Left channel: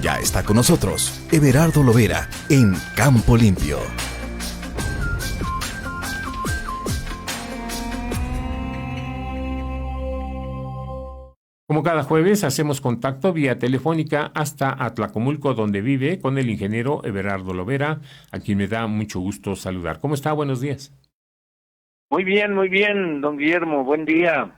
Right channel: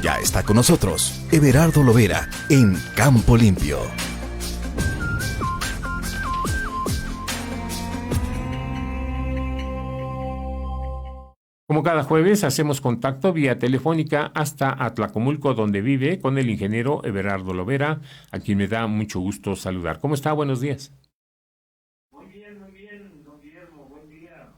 Ya está con nosotros Everardo Lovera en Campo Limpio. Como cada jueves, hacemos contacto vía telefónica hasta Atlacomulco, donde vive, con el ingeniero Everardo Lovera, a quien me da mucho gusto saludar. ¿Cómo está? Buenos días. Muy bien, don Guillermo, buen día.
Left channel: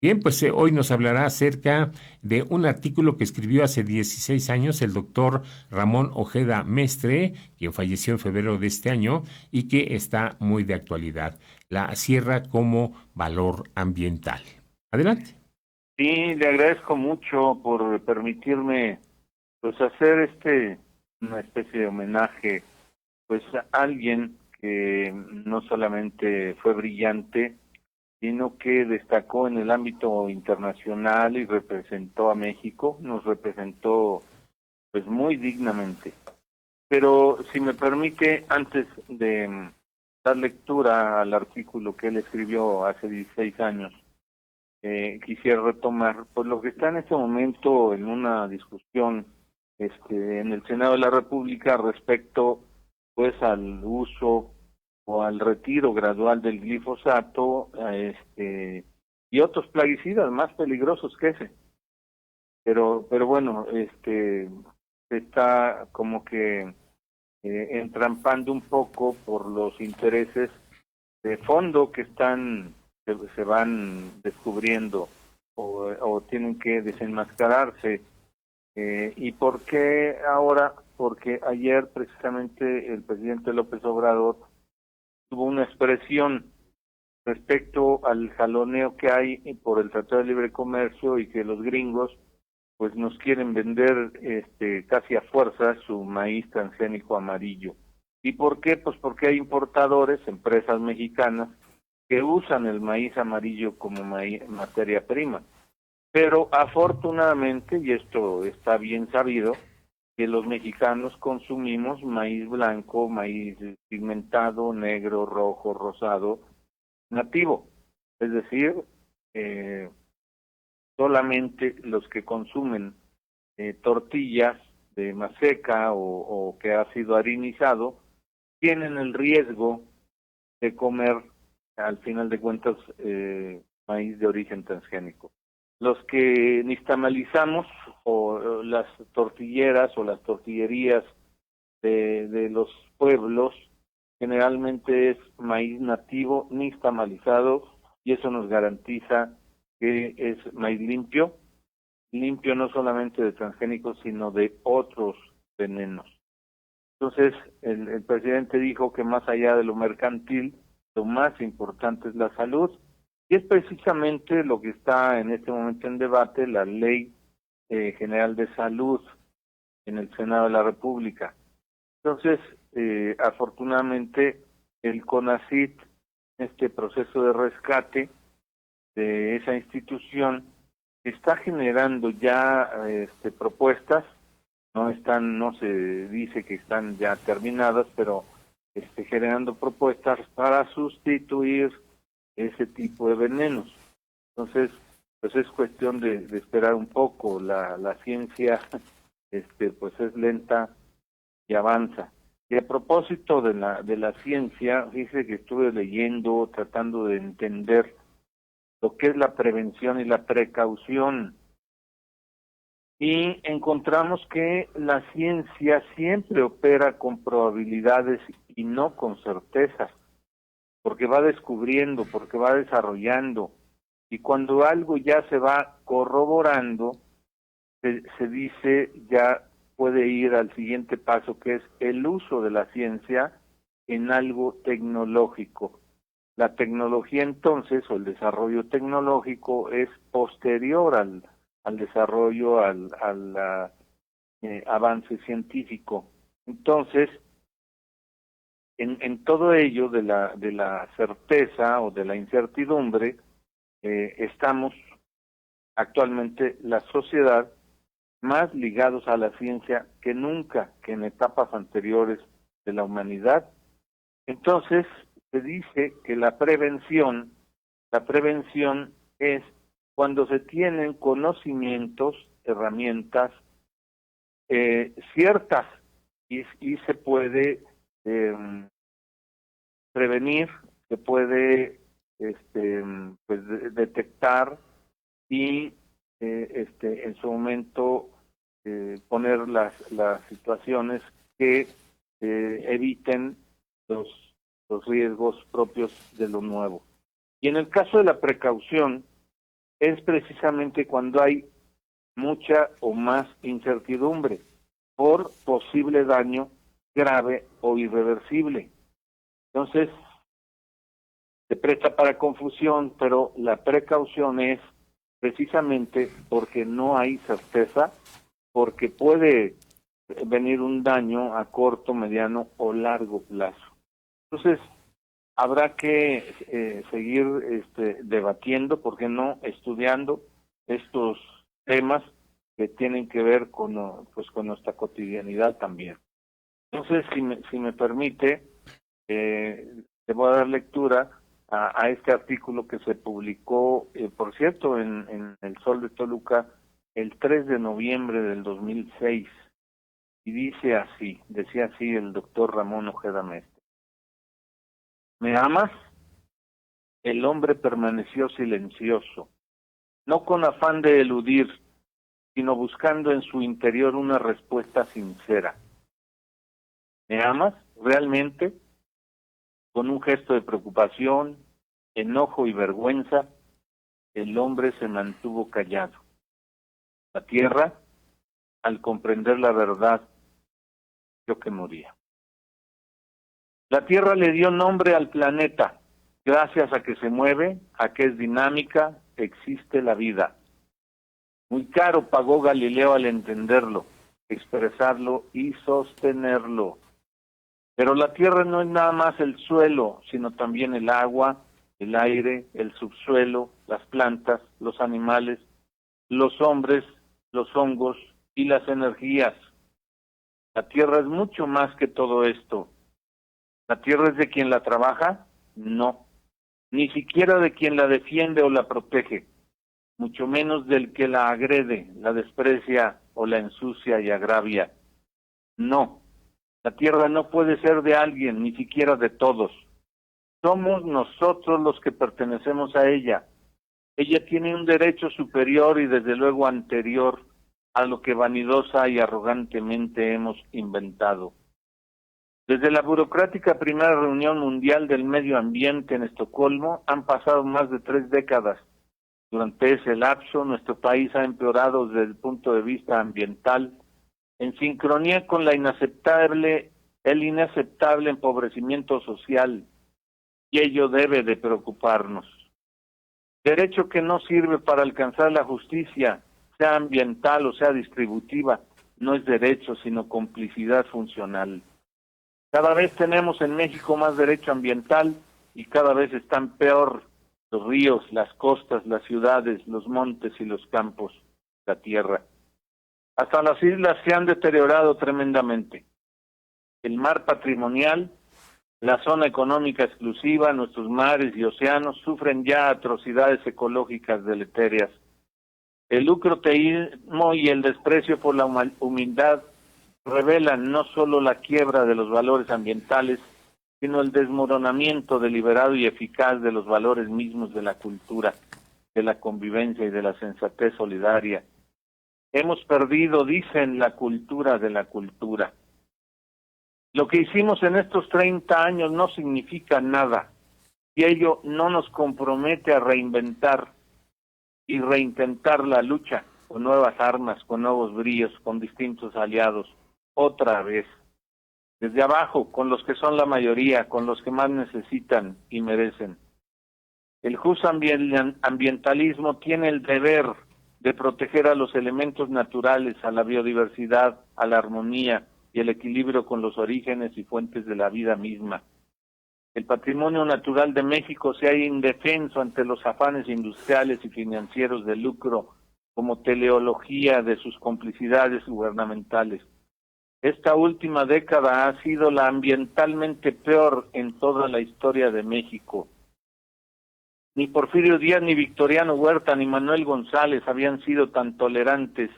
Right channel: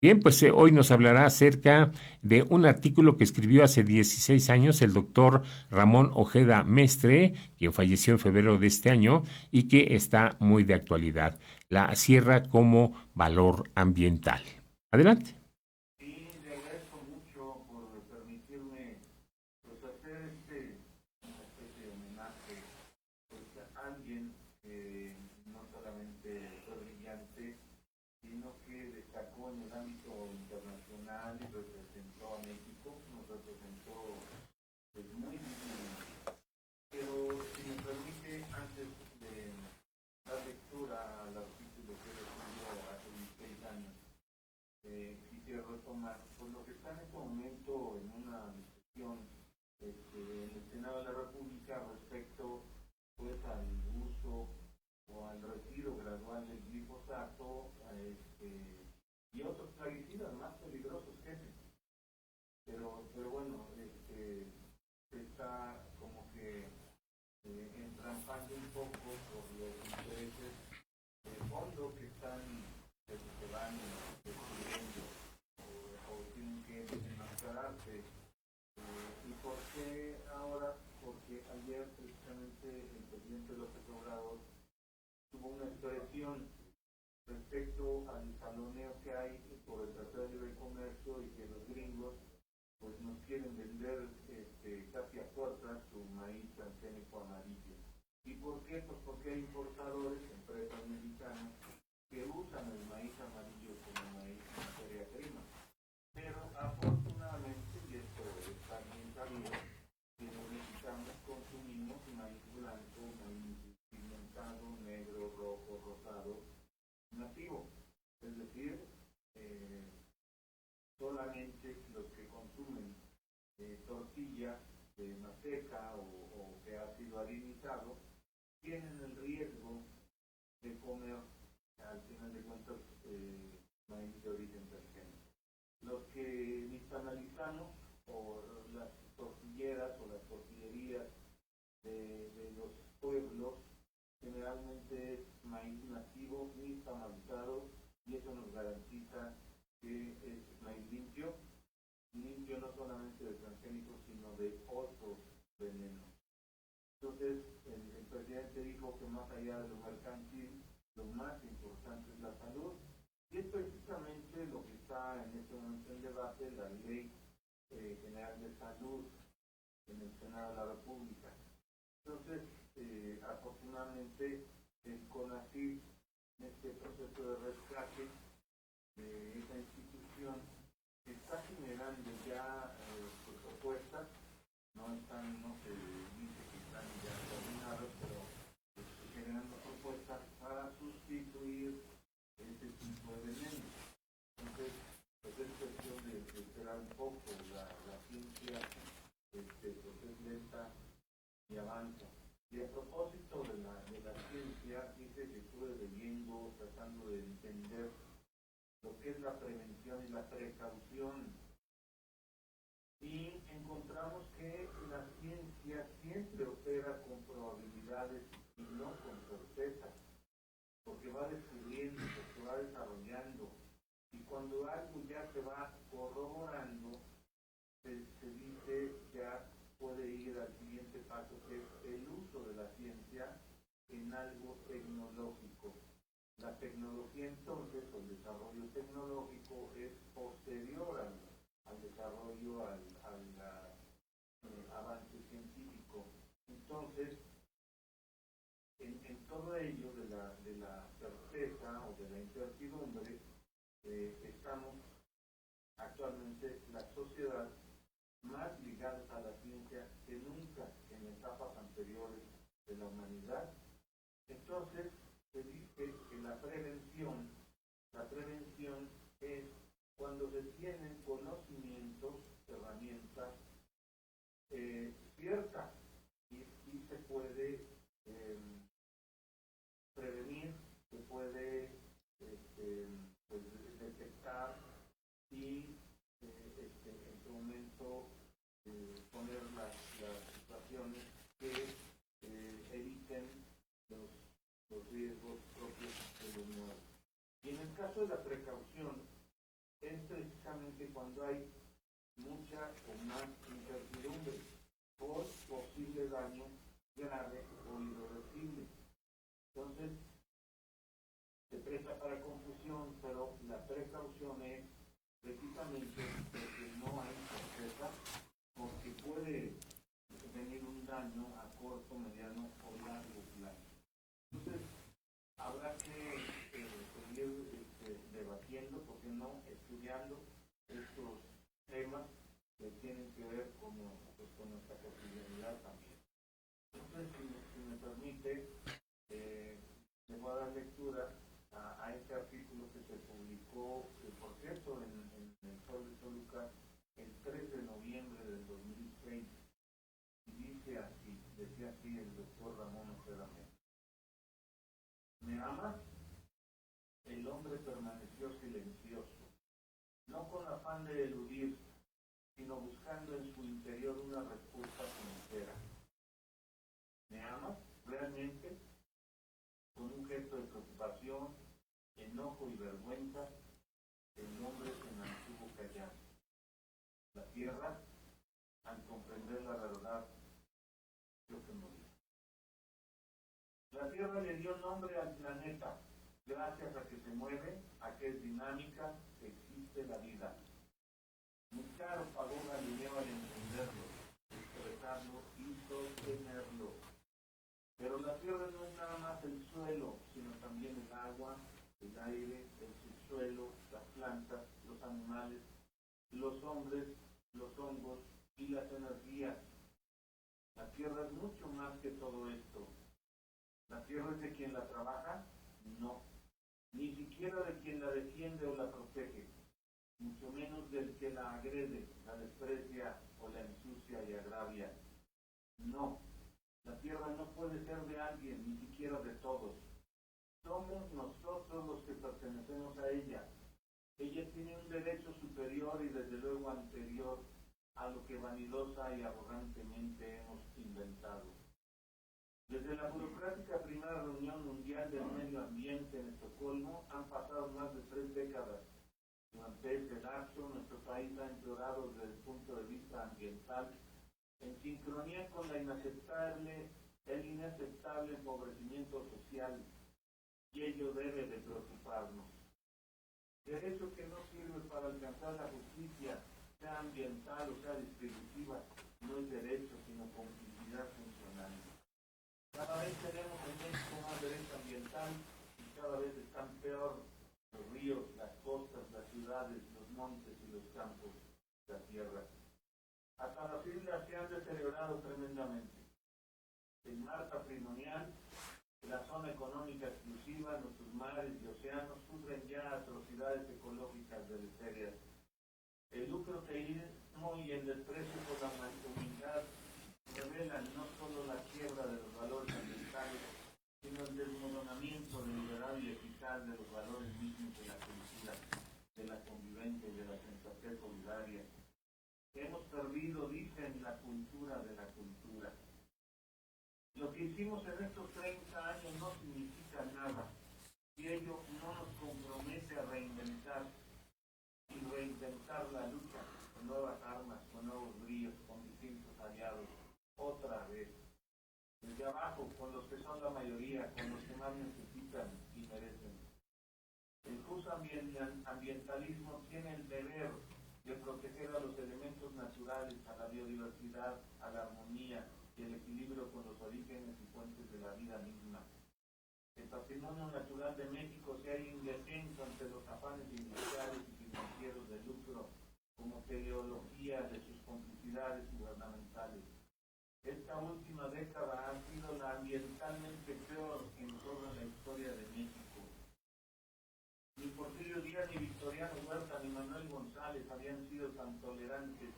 Bien, pues hoy nos hablará acerca de un artículo que escribió hace 16 años el doctor Ramón Ojeda Mestre, quien falleció en febrero de este año y que está muy de actualidad. La sierra como valor ambiental. Adelante. Sí, le agradezco mucho por permitirme pues hacer una especie de homenaje pues a alguien que no solamente fue brillante, sino que destacó en el ámbito internacional y representó a México, nos representó pues muy dignamente. Pero si me permite, antes de dar lectura al artículo que él escribió hace 16 años, quisiera retomar pues lo que está en este momento en una discusión en el Senado de la República respecto pues al uso o al retiro gradual del glifosato y otros plaguicidas más peligrosos que ese. Pero bueno, se está como que entrampando un poco por los intereses de fondo que se van descubriendo o tienen que desenmascararse. ¿Y por qué ahora? Porque ayer precisamente el presidente López Obrador tuvo una expresión respecto al jaloneo que hay por el Tratado de Libre Comercio y que los gringos pues nos quieren vender casi a fuerza su maíz transgénico amarillo. ¿Y por qué? Pues porque hay importadores, empresas mexicanas, que usan el maíz amarillo como materia prima. Pero afortunadamente, y esto está bien sabido, que los mexicanos consumimos maíz blanco, maíz pigmentado, negro, rojo, rosado, nativo. Es decir, solamente los que consumen tortillas de maseca o que ha sido harinizado tienen el riesgo de comer, al final de cuentas, maíz de origen transgénico. Los que nixtamalizamos o las tortilleras o las tortillerías de los pueblos, generalmente es maíz nativo nixtamalizado y eso nos garantiza que es maíz limpio no solamente de transgénicos, sino de otros venenos. Entonces, el presidente dijo que más allá de lo mercantil, lo más importante es la salud, y es precisamente lo que está en este momento en debate, la Ley General de Salud en el Senado de la República. Entonces, afortunadamente, el CONACYT, este proceso de rescate de esa institución, está generando ya propuestas, no se dice que están ya terminadas, pero generando propuestas para sustituir ese tipo de venenos. Entonces, pues es cuestión de esperar un poco. La ciencia pues es lenta y avanza. Y a propósito de la ciencia, dice que estuve leyendo, tratando de entender lo que es la prevención y la precaución. Y encontramos que la ciencia siempre opera con probabilidades y no con certezas, porque va descubriendo, porque va desarrollando. Y cuando algo ya se va corroborando, se dice ya puede ir al siguiente paso, que es el uso de la ciencia en algo tecnológico. La tecnología entonces, o el desarrollo tecnológico, es posterior al desarrollo, al avance científico. Entonces, en todo ello de la certeza o de la incertidumbre, estamos actualmente la sociedad más ligados a la ciencia que nunca, que en etapas anteriores de la humanidad. Entonces, se dice que la prevención es cuando se tienen conocimientos, herramientas ciertas y se puede prevenir, se puede pues detectar y en su momento poner las situaciones que eviten los riesgos propios de lo nuevo. Y en el caso de la precaución, es precisamente cuando hay mucha o más incertidumbre por posible daño grave o irreversible. Entonces, se presta para confusión, pero la precaución es precisamente porque no hay certeza, porque puede venir un daño a corto, mediano o largo plazo. Entonces, habrá que seguir debatiendo, ¿por qué no?, estudiando estos temas que tienen que ver con nuestra cotidianidad también. Entonces, si me permite, te voy a dar lectura a este artículo que se publicó, por cierto, en El Sol de Toluca, el 3 de noviembre del 2006, y decía así el doctor Ramón Ojeda Mestre: ¿me amas? El hombre permaneció silencioso, no con afán de eludir, sino buscando en su interior una respuesta sincera. ¿Me amas realmente? Con un gesto de preocupación, enojo y vergüenza, el hombre se mantuvo callado. La tierra, al comprender la verdad, vio que moría. La tierra le dio nombre al planeta, gracias a que se mueve, a que es dinámica, existe la vida. Muy caro pagó Galileo al entenderlo, expresarlo y sostenerlo. Pero la tierra no es nada más el suelo, sino también el agua, el aire, el subsuelo, las plantas, los animales, los hombres, los hongos y las energías. La tierra es mucho más que todo esto. ¿La tierra es de quien la trabaja? No. Ni siquiera de quien la defiende o la protege, mucho menos del que la agrede, la desprecia o la ensucia y agravia. No. La tierra no puede ser de alguien, ni siquiera de todos. Somos nosotros los que pertenecemos a ella. Ella tiene un derecho superior y desde luego anterior a lo que vanidosa y arrogantemente hemos inventado. Desde la burocrática primera reunión mundial del medio ambiente en Estocolmo han pasado más de 3 décadas. Durante ese lapso, nuestro país ha empeorado desde el punto de vista ambiental, en sincronía con el inaceptable empobrecimiento social, y ello debe de preocuparnos. Derecho que no sirve para alcanzar la justicia, sea ambiental o sea distributiva, no es derecho, sino complicidad funcional. Cada vez tenemos en México más derecho ambiental y cada vez están peor los ríos, las costas, las ciudades, los montes y los campos, la tierra. Hasta las islas se han deteriorado tremendamente. El mar patrimonial, la zona económica exclusiva, nuestros mares y océanos sufren ya atrocidades ecológicas deleterias. El lucroteísmo y el desprecio por la humildad revelan no solo la quiebra de los valores ambientales, sino el desmoronamiento deliberado y eficaz de los valores mismos de la cultura, de la convivencia y de la sensatez solidaria. Hemos perdido, dicen, la cultura de la cultura. Lo que hicimos en estos 30 años no significa nada, y ello no nos compromete a reinventar y reintentar la lucha con nuevas armas, con nuevos bríos, con distintos aliados, otra vez. Desde abajo, con los que son la mayoría, con los que más necesitan y merecen. El justo ambientalismo tiene el deber de proteger a los elementos naturales, a la biodiversidad, a la armonía y el equilibrio con los orígenes y fuentes de la vida misma. El patrimonio natural de México se halla indefenso ante los afanes industriales y financieros de lucro como teleología de sus complicidades gubernamentales. Esta última década ha sido la ambientalmente peor en toda la historia de México. Ni Porfirio Díaz, ni Victoriano Huerta, ni Manuel González habían sido tan tolerantes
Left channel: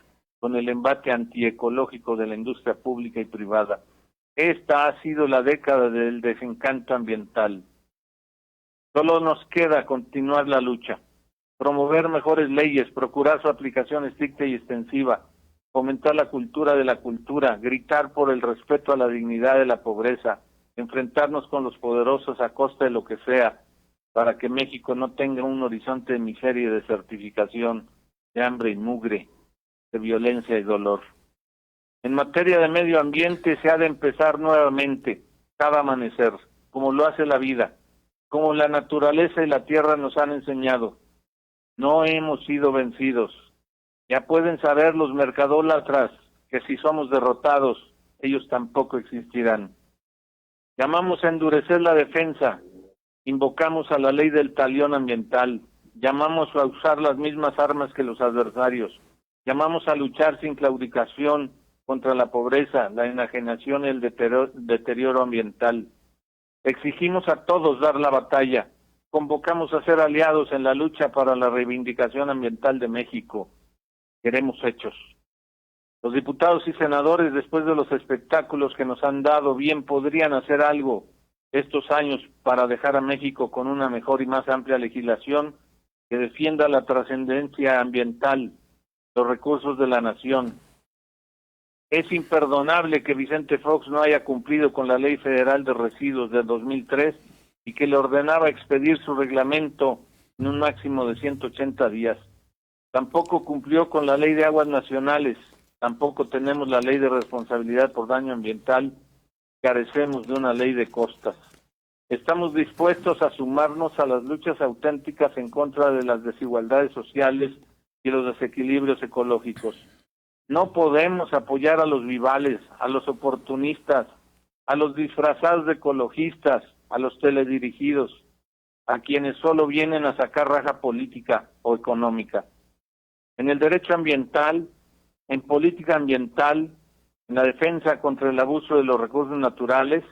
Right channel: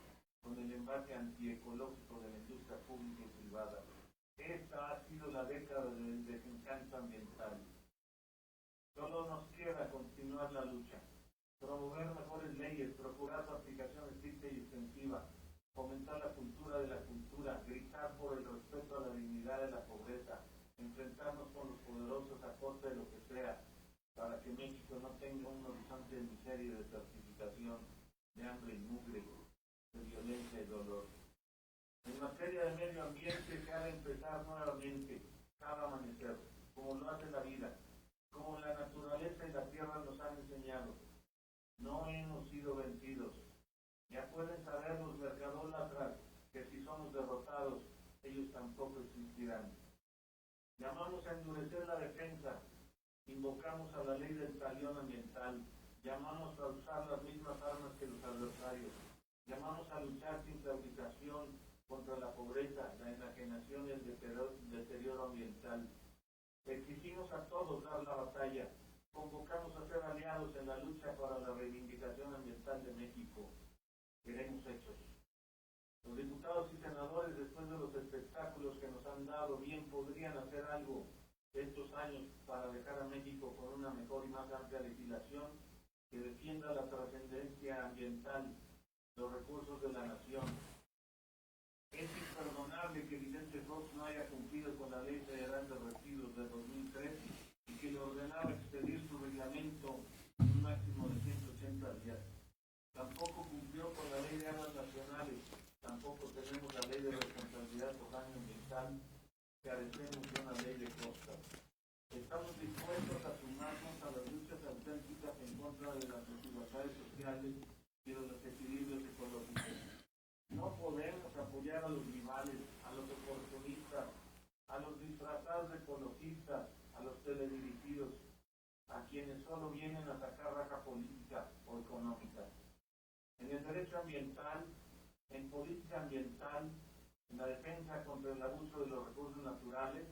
con el embate antiecológico de la industria pública y privada. Esta ha sido la década del desencanto ambiental. Solo nos queda continuar la lucha, promover mejores leyes, procurar su aplicación estricta y extensiva, fomentar la cultura de la cultura, gritar por el respeto a la dignidad de la pobreza, enfrentarnos con los poderosos a costa de lo que sea, para que México no tenga un horizonte de miseria y desertificación, de hambre y mugre, de violencia y dolor. En materia de medio ambiente se ha de empezar nuevamente, cada amanecer, como lo hace la vida, como la naturaleza y la tierra nos han enseñado. No hemos sido vencidos. Ya pueden saber los mercadólatras que si somos derrotados, ellos tampoco existirán. Llamamos a endurecer la defensa, invocamos a la ley del talión ambiental, llamamos a usar las mismas armas que los adversarios, llamamos a luchar sin claudicación contra la pobreza, la enajenación y el deterioro ambiental. Exigimos a todos dar la batalla, convocamos a ser aliados en la lucha para la reivindicación ambiental de México. Queremos hechos. Los diputados y senadores, después de los espectáculos que nos han dado, bien podrían hacer algo estos años para dejar a México con una mejor y más amplia legislación que defienda la trascendencia ambiental, los recursos de la nación. Es imperdonable que Vicente Fox no haya cumplido con la Ley Federal de Residuos del 2003 y que le ordenaba expedir su reglamento en un máximo de 180 días. Tampoco cumplió con la Ley de Aguas Nacionales, tampoco tenemos la Ley de Responsabilidad por Daño Ambiental, carecemos de una ley de costas. Estamos dispuestos a sumarnos a las luchas auténticas en contra de las desigualdades sociales y los desequilibrios ecológicos. No podemos apoyar a los vivales, a los oportunistas, a los disfrazados de ecologistas, a los teledirigidos, a quienes solo vienen a sacar raja política o económica. En el derecho ambiental, en política ambiental, en la defensa contra el abuso de los recursos naturales,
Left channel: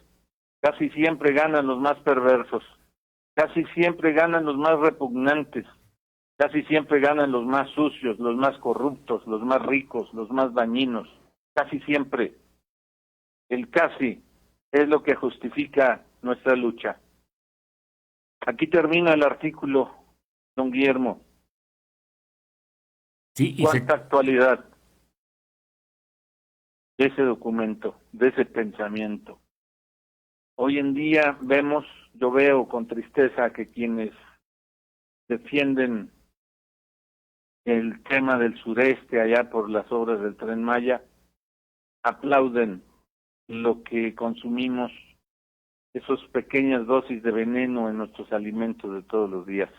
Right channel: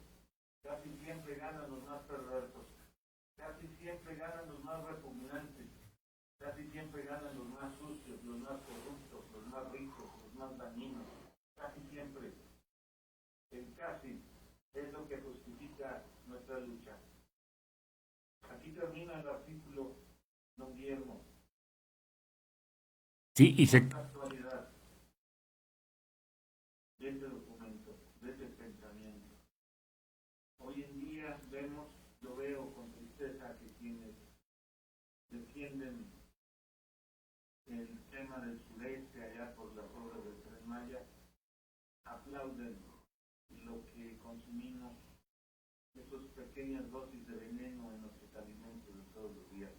casi siempre ganan los más perversos, casi siempre ganan los más repugnantes, casi siempre ganan los más sucios, los más corruptos, los más ricos, los más dañinos, casi siempre. El casi es lo que justifica nuestra lucha. Aquí termina el artículo, don Guillermo. Sí, ¿Cuánta actualidad de ese documento, de ese pensamiento? Hoy en día yo veo con tristeza que quienes defienden el tema del sureste allá por las obras del Tren Maya aplauden lo que consumimos, esas pequeñas dosis de veneno en nuestros alimentos de todos los días,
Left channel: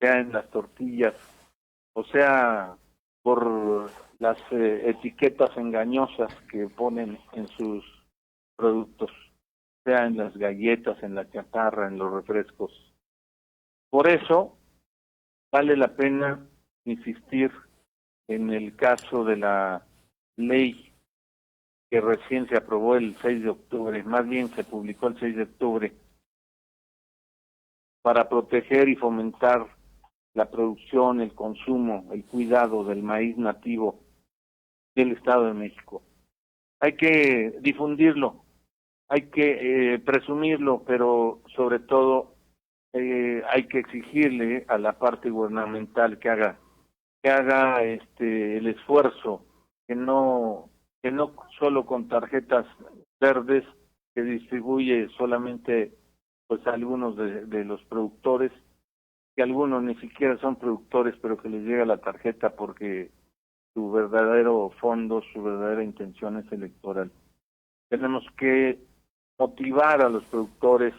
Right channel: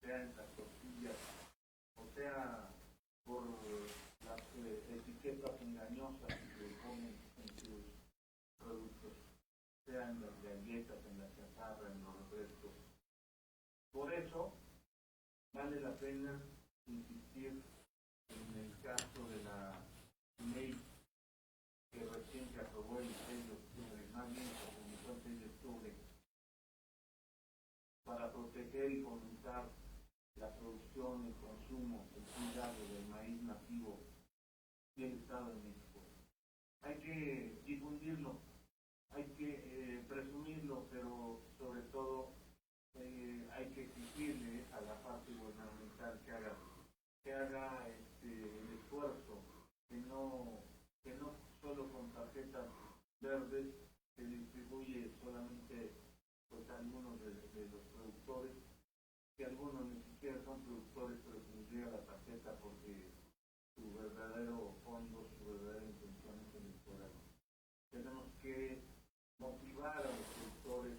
sea en las tortillas, o sea por las etiquetas engañosas que ponen en sus productos, sea en las galletas, en la chatarra, en los refrescos. Por eso vale la pena insistir en el caso de la ley que recién se aprobó el 6 de octubre, más bien se publicó el 6 de octubre, para proteger y fomentar la producción, el consumo, el cuidado del maíz nativo del Estado de México. Hay que difundirlo, hay que presumirlo, pero sobre todo hay que exigirle a la parte gubernamental que haga el esfuerzo, que no solo con tarjetas verdes que distribuye solamente pues a algunos de los productores, que algunos ni siquiera son productores, pero que les llega la tarjeta porque su verdadero fondo, su verdadera intención es electoral. Tenemos que motivar a los productores,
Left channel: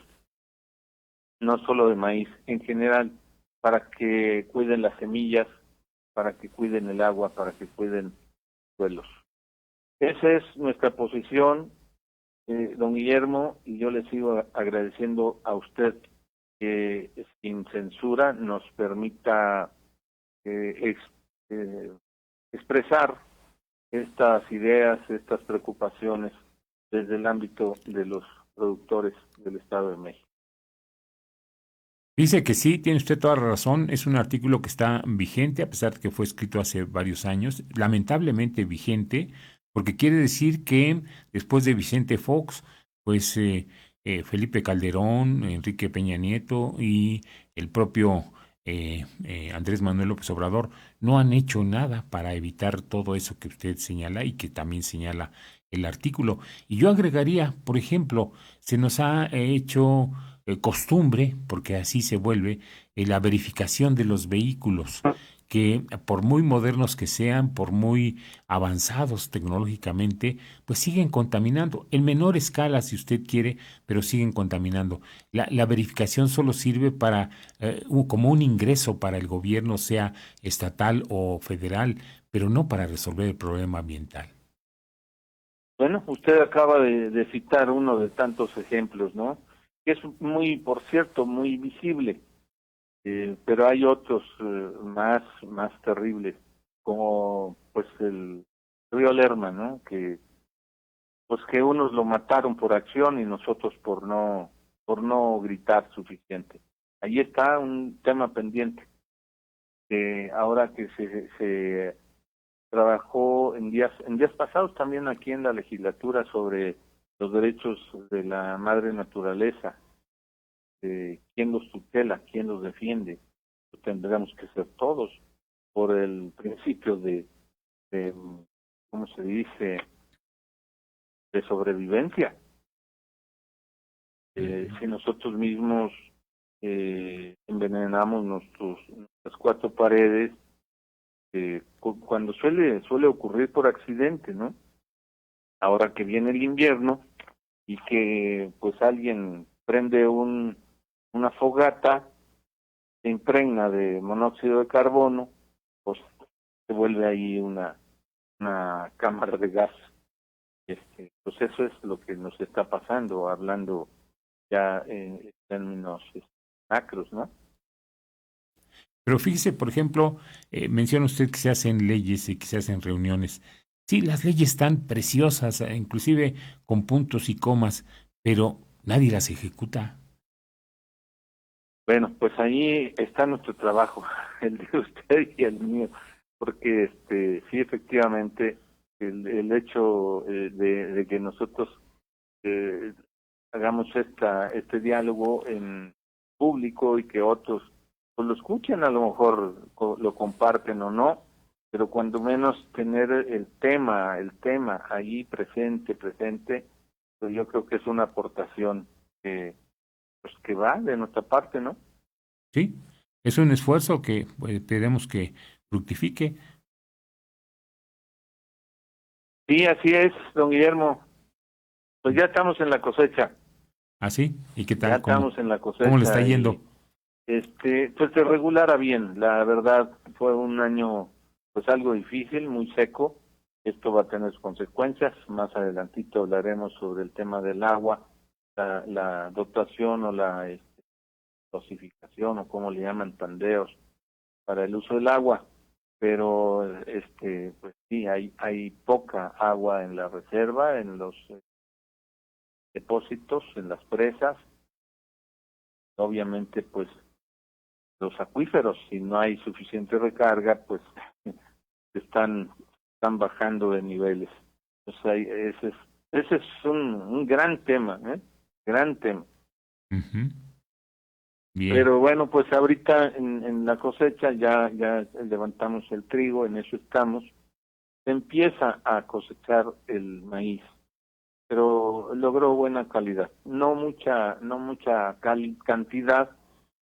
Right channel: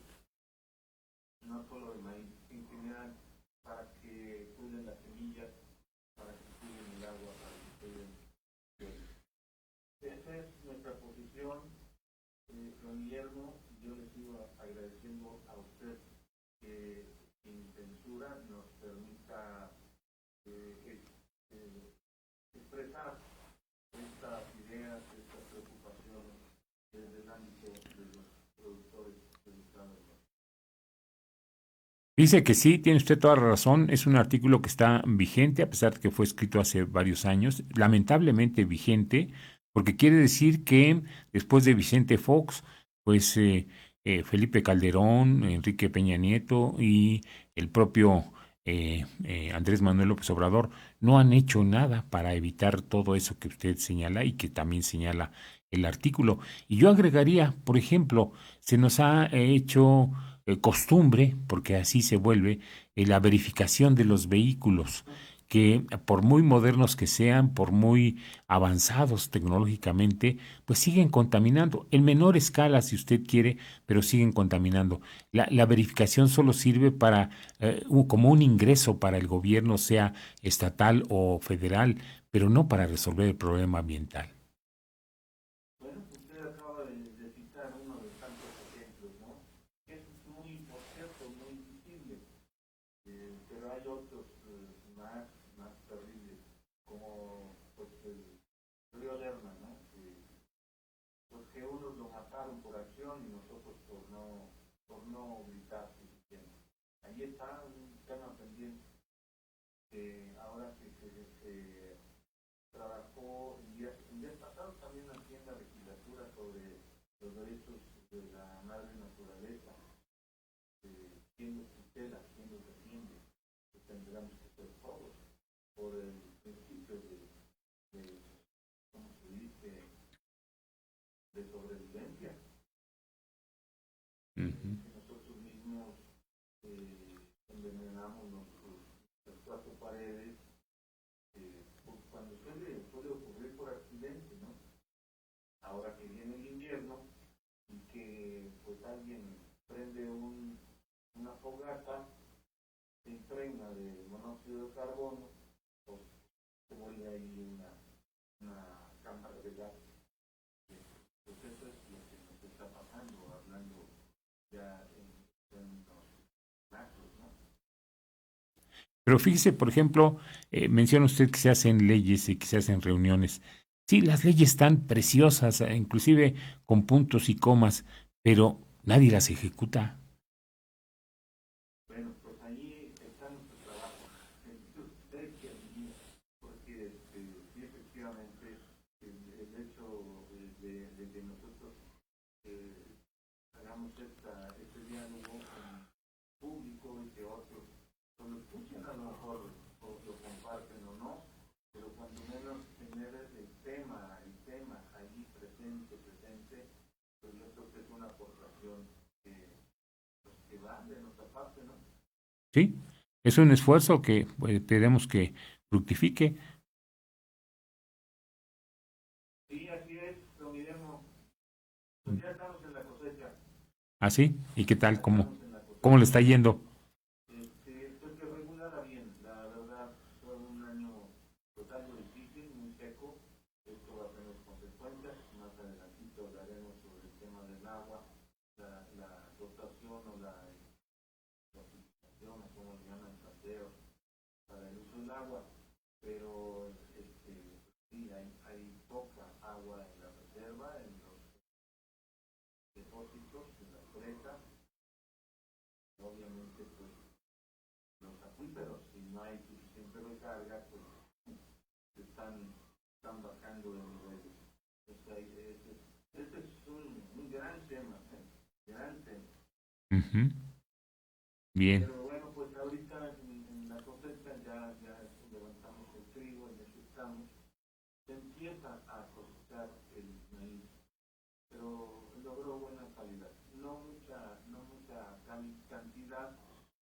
no solo de maíz, en general, para que cuiden las semillas, para que cuiden el agua, para que cuiden los suelos. Esa es nuestra posición, don Guillermo, y yo le sigo agradeciendo a usted que sin censura nos permita expresar estas ideas, estas preocupaciones desde el ámbito de los productores del Estado de México. Dice que sí, tiene usted toda la razón. Es un artículo que está vigente, a pesar de que fue escrito hace varios años, lamentablemente vigente, porque quiere decir que después de Vicente Fox, pues Felipe Calderón, Enrique Peña Nieto y el propio Andrés Manuel López Obrador no han hecho nada para evitar todo eso que usted señala y que también señala el artículo. Y yo agregaría, por ejemplo, se nos ha hecho costumbre, porque así se vuelve, la verificación de los vehículos, que por muy modernos que sean, por muy avanzados tecnológicamente, pues siguen contaminando, en menor escala si usted quiere, pero siguen contaminando. La verificación solo sirve para, como un ingreso para el gobierno, sea estatal o federal, pero no para resolver el problema ambiental. Bueno, usted acaba de citar uno de tantos ejemplos, ¿no? Que es muy, por cierto, muy visible, pero hay otros más terribles, como pues el río Lerma, ¿no? Que pues que unos lo mataron por acción y nosotros por no gritar suficiente. Ahí está un tema pendiente. Ahora que se trabajó en días pasados también aquí en la legislatura sobre los derechos de la madre naturaleza, quién los tutela, quién los defiende. Tendríamos que ser todos por el principio de ¿cómo se dice?, de sobrevivencia. Si nosotros mismos envenenamos nuestras cuatro paredes, cuando suele ocurrir por accidente, ¿no? Ahora que viene el invierno y que pues alguien prende una fogata, se impregna de monóxido de carbono, pues se vuelve ahí una cámara de gas. Pues eso es lo que nos está pasando, hablando ya en términos macros, ¿no? Pero fíjese, por ejemplo, menciona usted que se hacen leyes y que se hacen reuniones. Sí, las leyes están preciosas, inclusive con puntos y comas, pero nadie las ejecuta. Bueno, pues ahí está nuestro trabajo, el de usted y el mío, porque sí, efectivamente, el hecho de que nosotros eh, hagamos este diálogo en público y que otros pues lo escuchen, a lo mejor lo comparten o no, pero cuando menos tener el tema ahí presente, pues yo creo que es una aportación pues que va de nuestra parte, ¿no? Sí, es un esfuerzo que pues, esperemos que fructifique. Sí, así es, don Guillermo. Pues ya estamos en la cosecha, ¿Así? ¿Y qué ya tal? estamos en la Cómo le está cosecha yendo? y pues de regular a bien. La verdad fue un año pues algo difícil, muy seco. Esto va a tener sus consecuencias. Más adelantito hablaremos sobre el tema del agua, la dotación o la dosificación o como le llaman tandeos para el uso del agua. Pero pues sí, hay poca agua en la reserva, en los depósitos, en las presas, obviamente pues los acuíferos, si no hay suficiente recarga, pues están bajando de niveles. O sea, ese es un gran tema, gran tema. Ujú. Bien. Pero bueno, pues ahorita en la cosecha ya levantamos el trigo, en eso estamos. Se empieza a cosechar el maíz, pero logró buena calidad. No mucha cantidad,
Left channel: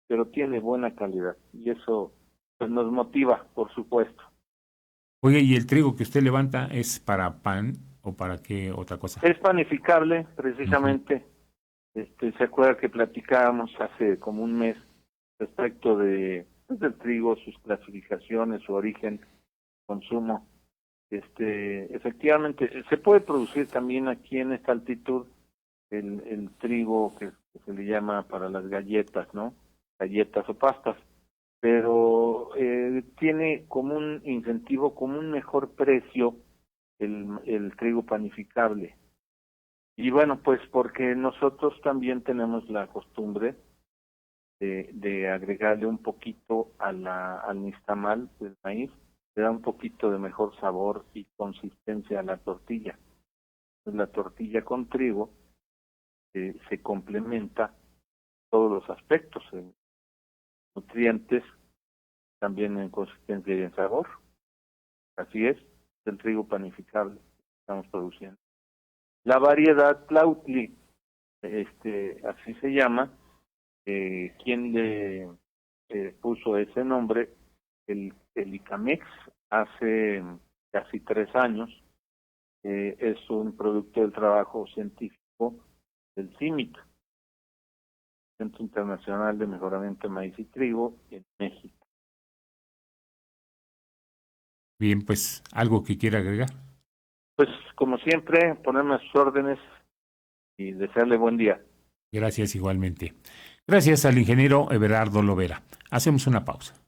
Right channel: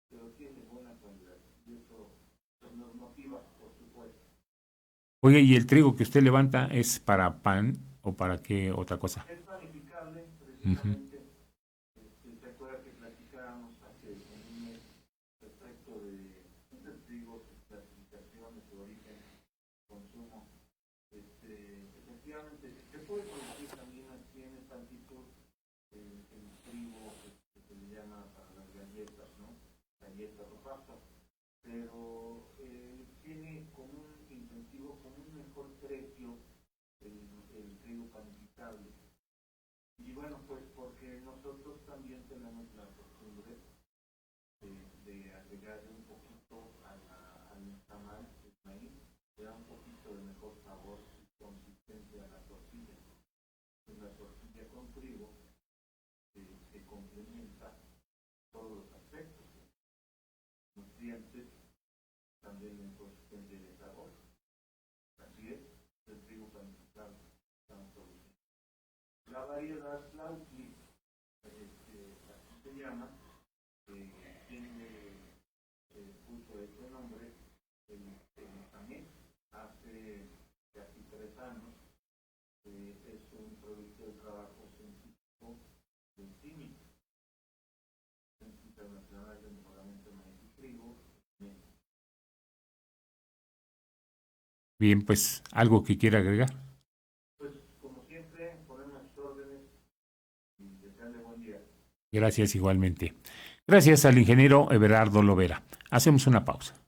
pero tiene buena calidad y eso pues nos motiva, por supuesto. Oye, ¿y el trigo que usted levanta es para pan o para qué otra cosa? Es panificable, Ujú. precisamente. Se acuerda que platicábamos hace como un mes respecto pues, del trigo, sus clasificaciones, su origen, consumo. Efectivamente, se puede producir también aquí en esta altitud el trigo que se le llama para las galletas, ¿no? Galletas o pastas, pero tiene como un incentivo, como un mejor precio el trigo panificable. Y bueno, pues porque nosotros también tenemos la costumbre de agregarle un poquito al nixtamal del maíz, le da un poquito de mejor sabor y consistencia a la tortilla. Entonces, la tortilla con trigo se complementa todos los aspectos, en nutrientes, también en consistencia y en sabor. Así es el trigo panificable que estamos produciendo. La variedad Tlautli, así se llama, quien le puso ese nombre, el ICAMEX, hace casi 3 años. Es un producto del trabajo científico del CIMIC, Centro Internacional de Mejoramiento de Maíz y Trigo, en México. Bien, pues, ¿algo que quiera agregar? Pues, como siempre, ponerme a sus órdenes y desearle buen día. Gracias igualmente. Gracias al ingeniero Everardo Lovera. Hacemos una pausa.